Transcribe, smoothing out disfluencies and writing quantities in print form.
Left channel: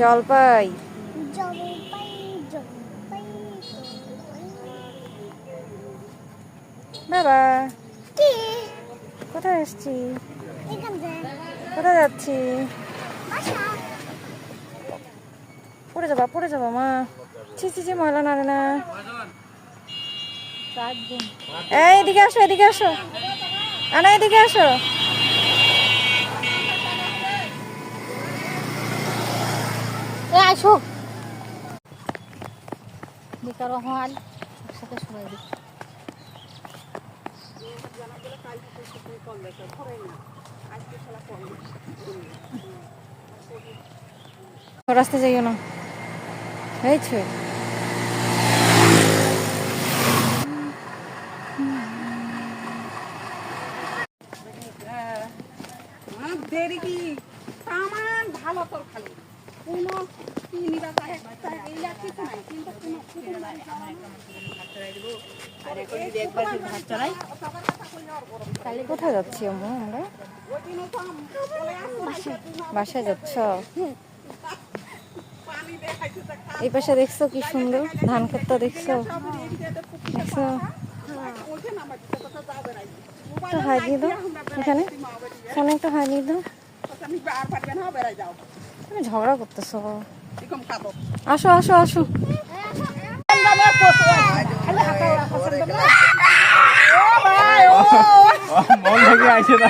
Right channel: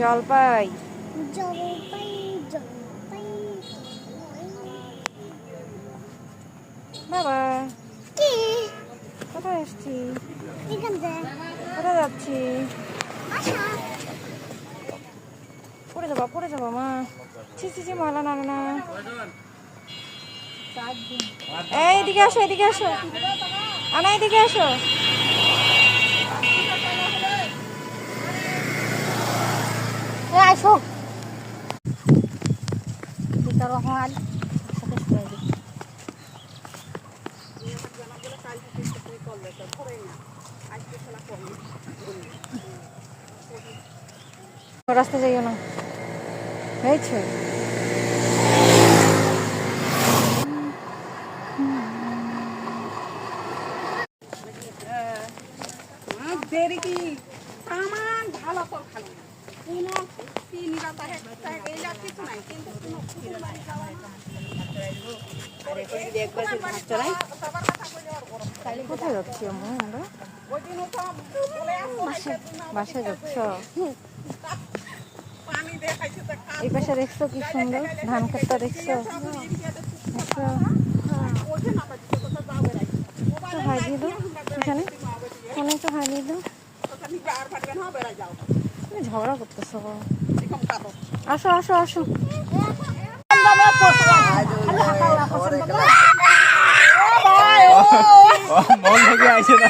জলপাই জলপাই জলপাই বাবা কি কোথায় এসছি? এখান থেকে কোথায় যাচ্ছি? আচ্ছা পড়ে যাবা মা। ছি ময়লা নাড়ে না। এদিকে আসো আনা এদিকে আসো। আসো বিকার হল একসাথে সবাই রাস্তা যাইও না হয়েছে। দেরি কি সামান ভালো তো খালি কোনো কি নিরাপত্তা এইলা কিছু নাই কিন্তু কোথায় যাচ্ছি আমরা? বাসায় যাচ্ছ? এই পাশে দেখছো কি সুন্দর ধান ক্ষেতটা দেখছো? একটা হাই দিয়ে দাও এখানে একটা হাই দিয়ে দাও। ঝগড়া করতেছো। আসো মন থেকে আসে না।